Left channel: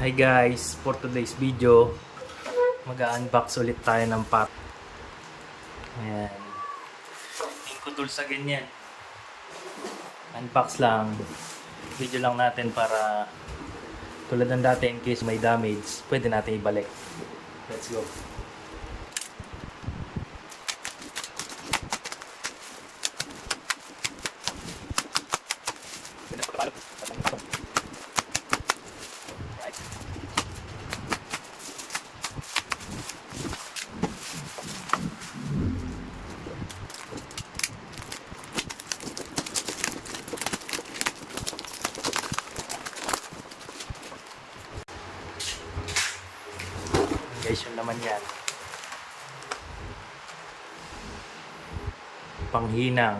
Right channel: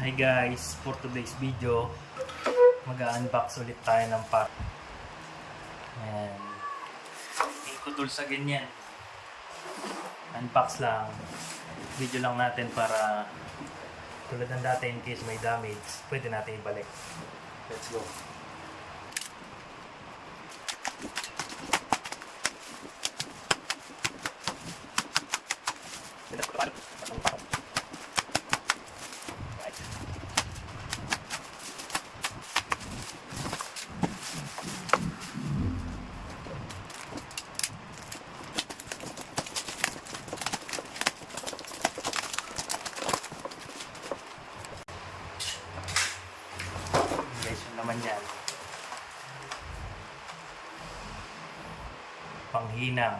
Hi guys, for today's video mag-unbox ulit tayo ng pack. Ayan, ikutol sa ganyan, unbox lang, video lang natin para tulad ng dati, in case may damage pwede natin ibalik. Let's go. Guys, yun naman yan, panghinang.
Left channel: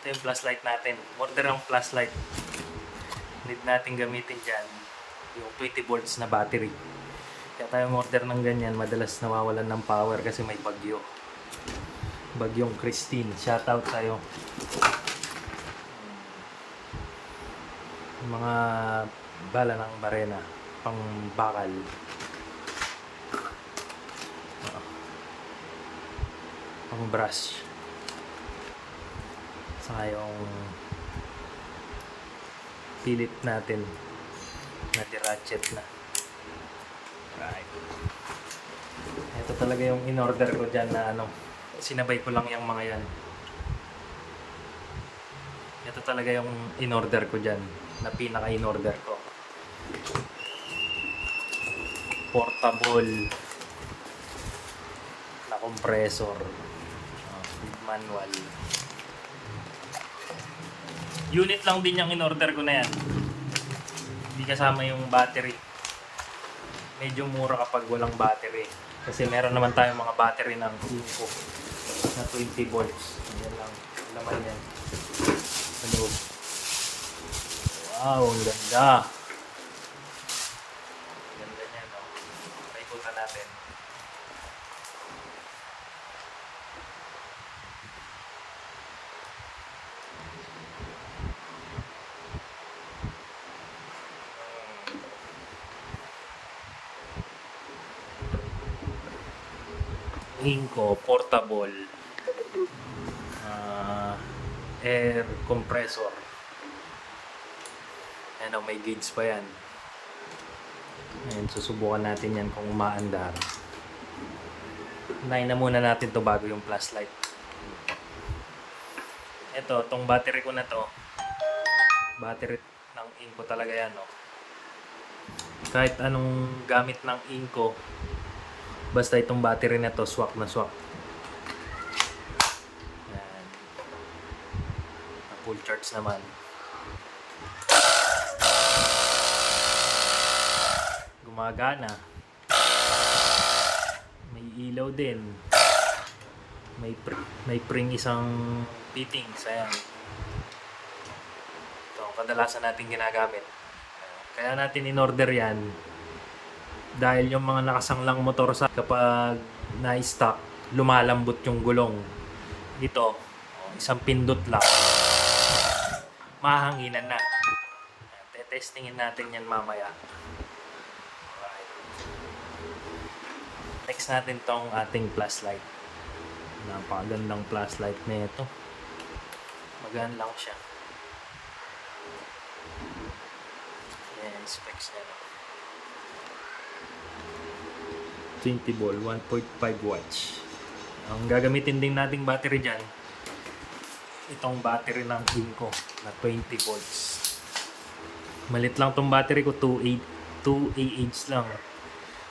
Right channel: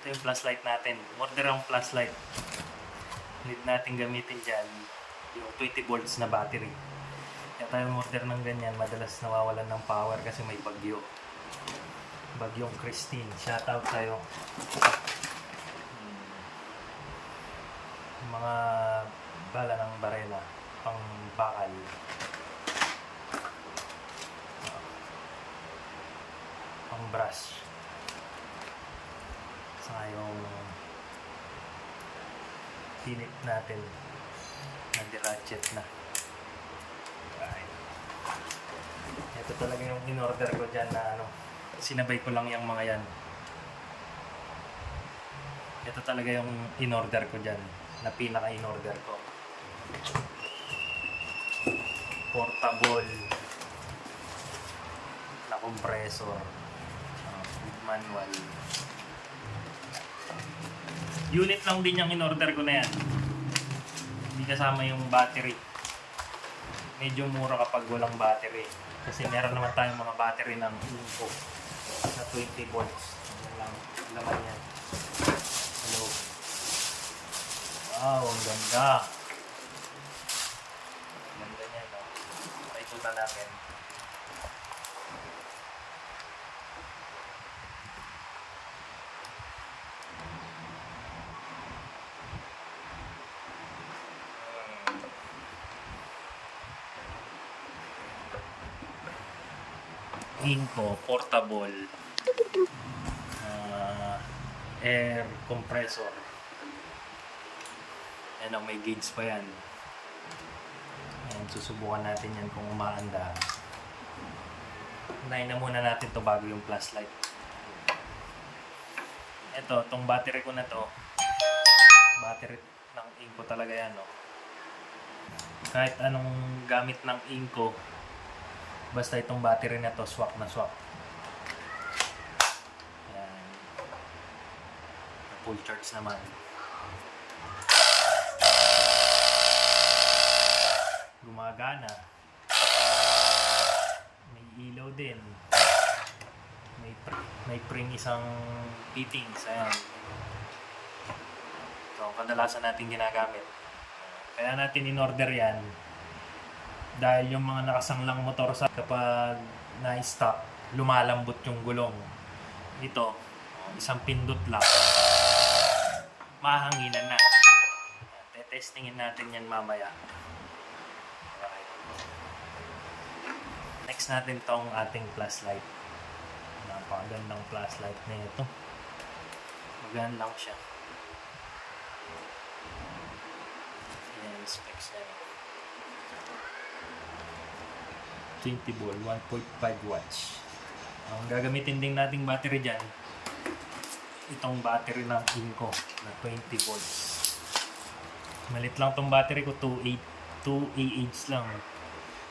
Ito yung flashlight natin. Order ng flashlight, need natin gamitin dyan yung 20 volts na battery. Kaya tayo order ng ganyan, madalas nawawalan ng power kasi may bagyong Christine. Shoutout tayo. Mga bala ng barena pang bakal, pang brush, saka yung pilit natin na ratchet na. Right. Ito talaga yung in-order ko dyan na sinabay ko lang yung mga yan. Ito talaga yung in-order ko dyan, na pinaka-in-order ko. Portable na compressor, manual. Unit lang din yung in-order ko na yan. Hindi kasama yung battery. Medyo mura kapag walang battery. Kasi meron naman tayong mga battery ng Inco na 20 volts. Yan lang, laman yan. Hello. Wow, ang ganda. Ganda niya, no? Paikutan natin. Inco portable air compressor. Ano, may gauge pa yan. Ayan, susubukan natin yan kung umaandar. Unahin na muna natin to bago yung flashlight. Ito, tong battery ko na to, battery ng Inco talaga yan, no? Kahit anong gamit ng Inco, basta itong battery na to, swak na swak. Ayan. Full charge naman. Gumagana. May ilaw din. May pring isang fittings. Ayan. Ito ang kadalasan natin ginagamit. Kaya natin in-order yan dahil yung mga nakasanglang motor sa kapag na-stop, lumalambot yung gulong. Ito, isang pindot lang, mahanginan na. Testingin natin yan mamaya. Next natin tong ating flashlight. Napakagandang flashlight na ito. Magaan lang siya. Ayan, specs na yun. 20 volt, 1.5 watts. Ang gagamitin din nating battery dyan, itong battery ng Inco na 20 volts. Malit lang tong battery ko, 2 AH lang.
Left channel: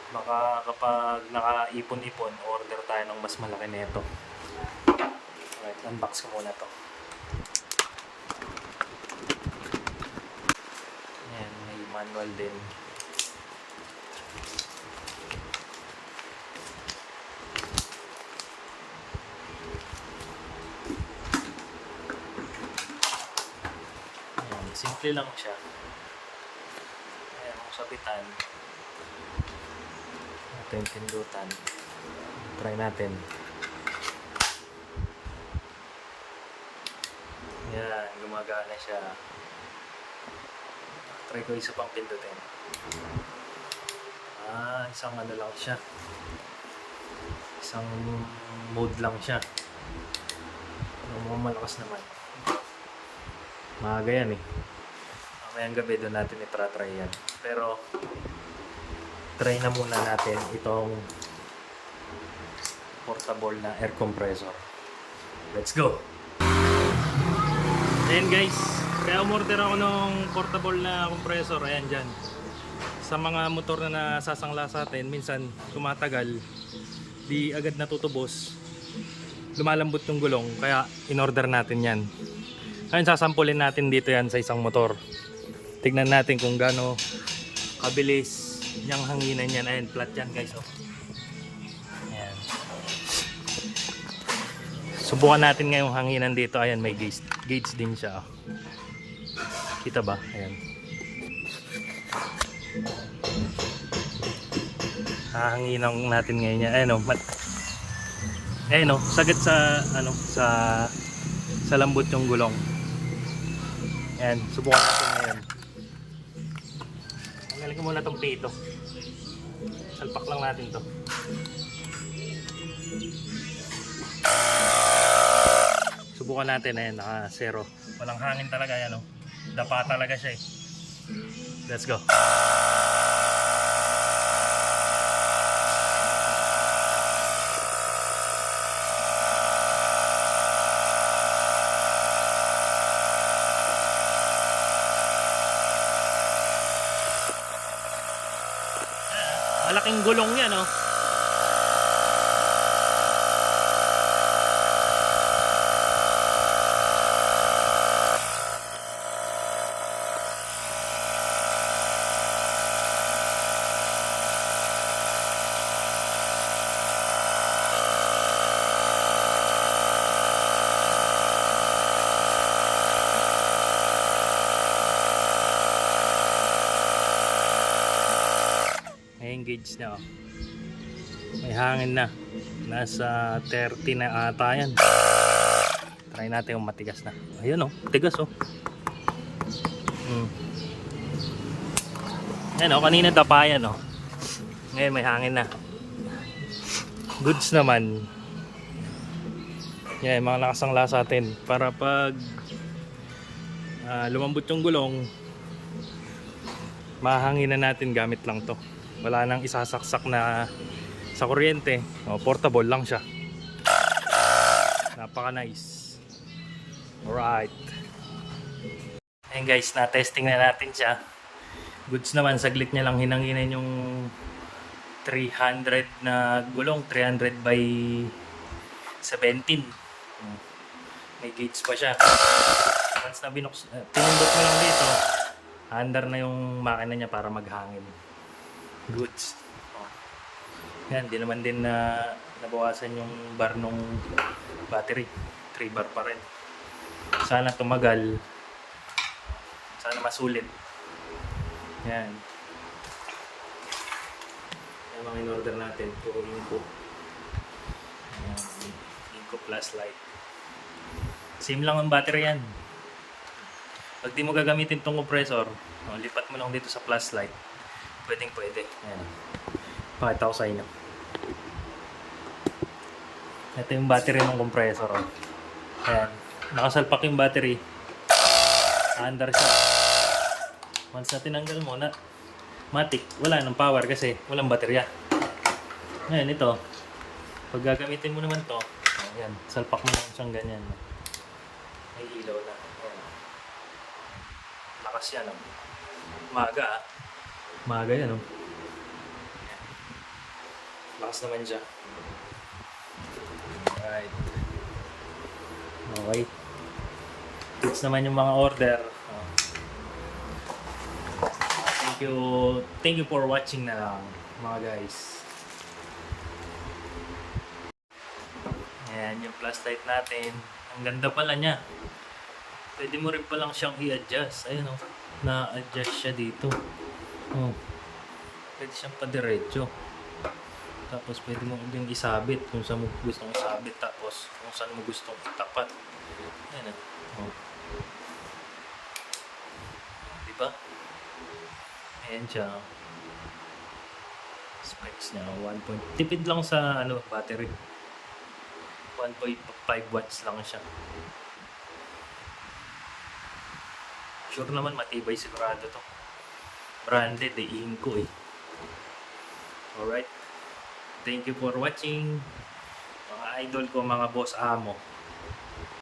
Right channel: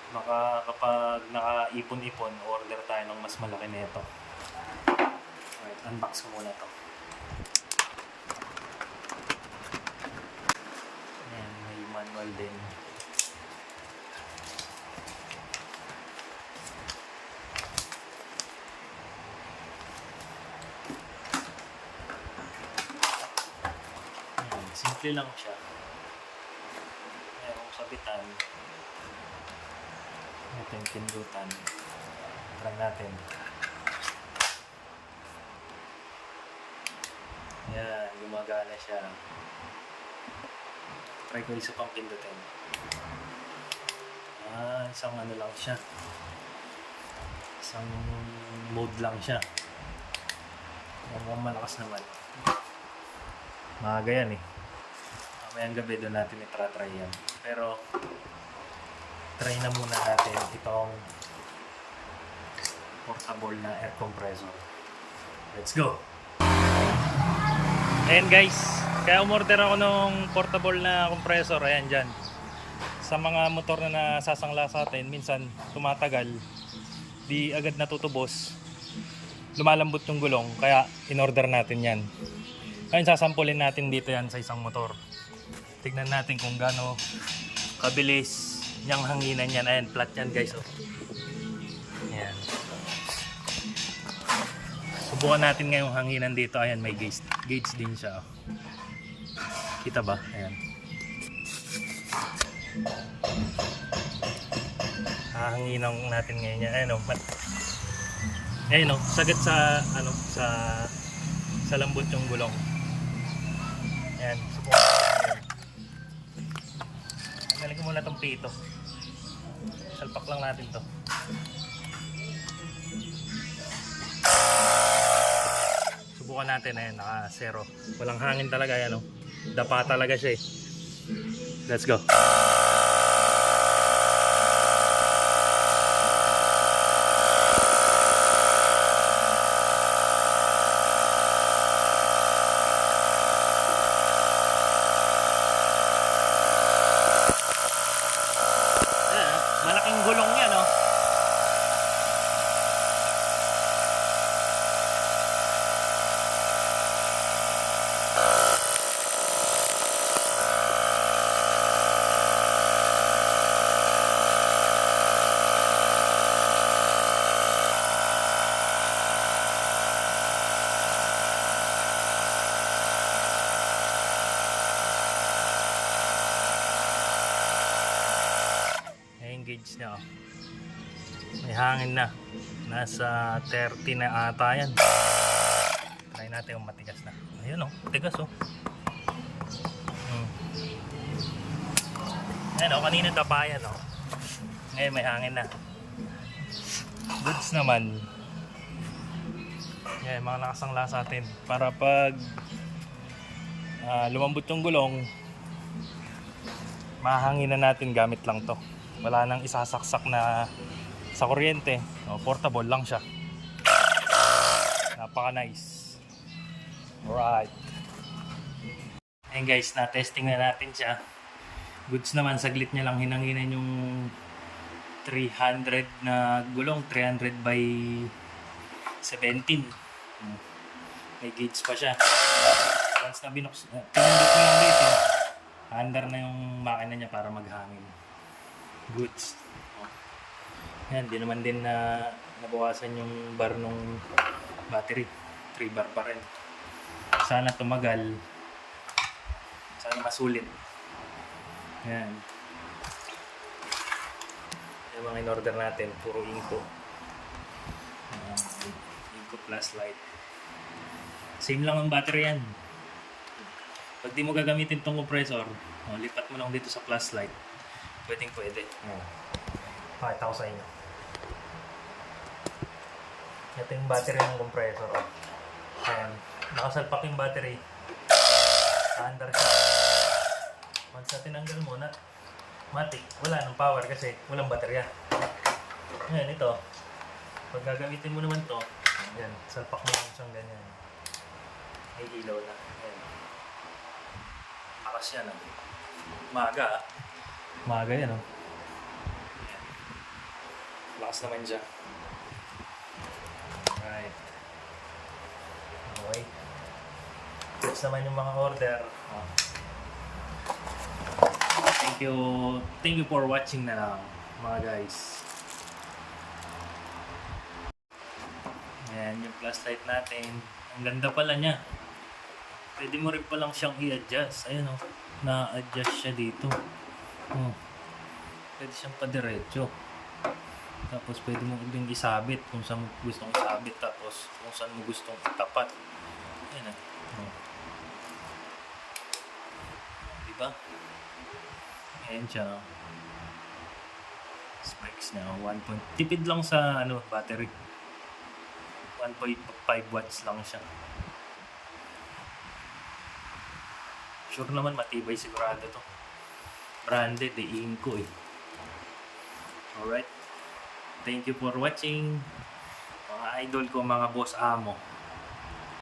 Baka kapag nakaipon-ipon, order tayo ng mas malaki na ito. Unbox ko muna to. Ayan, may manual din. Ayan, simple lang siya. Ayan, ang sabitan. Ito yung pindutan. Try natin. Yan. gumagana siya. Try ko isa pang pindutin. Isang ano lang siya. Isang mode lang siya. Malakas naman. Maaga yan eh. Mamayang gabi doon natin itry yan. Pero try na muna natin itong portable na air compressor. Let's go! Ayan guys, kaya umorder ako ng portable na compressor. Ayan dyan. Sa mga motor na nasasangla sa atin, minsan tumatagal, di agad natutubos, lumalambot yung gulong, kaya in-order natin yan. Ayun, sasampulin natin dito yan sa isang motor. Tignan natin kung gaano kabilis niyang hanginan yan. Ayan, flat yan guys. Oh. Ayan. Subukan natin ngayong hanginan dito. Ayan, may gauge din siya. Oh. Kita ba? Ayan. Hahanginan natin ngayon yan. Ayan, oh. Ayan, oh. Sagad sa ano, sa lambot yung gulong. Ayan, subukan natin ngayon. Tanggalin ko muna itong pito. Salpak lang natin to. Subukan natin. Ayan, naka 0. Walang hangin talaga yan, oh. Dapa talaga siya eh. Let's go. Malaking gulong yan, oh. Gauge niya, oh. May hangin na, nasa 30 na ata yan. Try natin yung matigas na. Ayun, oh, matigas, oh. Ayun, oh, kanina tapayan, oh. Ngayon may hangin na. Goods naman. Yan, mga nakasangla sa atin para pag lumambot yung gulong, mahangin na natin gamit lang to. Wala nang isasaksak na sa kuryente. O, portable lang siya. Napaka nice. Alright. Ayan guys, na-testing na natin siya. Goods naman, saglit niya lang hinanginan yung 300 na gulong. 300 by 17. May gauge pa siya. Once na pinindot mo lang dito, under na yung makina niya para maghangin. Goods. Yan, di naman din na nabawasan yung bar nung battery. 3 bar pa rin. Sana tumagal. Sana masulit. Yan. Yung mga in-order natin, puro Inco. Yan. Inco plus light. Same lang ang battery yan. Pag di mo gagamitin tong compressor, lipat mo lang dito sa plus light. Pwede. Ayan. Pakita ko sa inyo. Ito yung battery ng compressor. Ayan. Nakasalpak yung battery. Under siya. Once na tinanggal mo na, matik, wala nang power kasi walang baterya. Ayan, ito. Pag gagamitin mo naman to, ayan, salpak mo lang siyang ganyan. May ilaw na. Ayan. Lakas yan, oh. Maaga yan, oh. Ayan. Lakas naman siya. Alright. Okay. Goods naman yung mga order. Thank you for watching na lang, mga guys. Ayan, yung plus light natin. Ang ganda pala niya. Pwede mo rin palang siyang i-adjust. Ayan, oh. Na-adjust siya dito. Oh. Pwede siyang padiretso. Tapos pwede mo din isabit kung saan mo gustong isabit. Tapos kung saan mo gustong itapat. Ayan, oh. Ayan siya. Specs niya, tipid lang sa battery. 1.5 watts lang siya. Sure naman matibay sigurado to. Branded Inco eh. Alright. Thank you for watching. Mga idol ko, mga boss amo.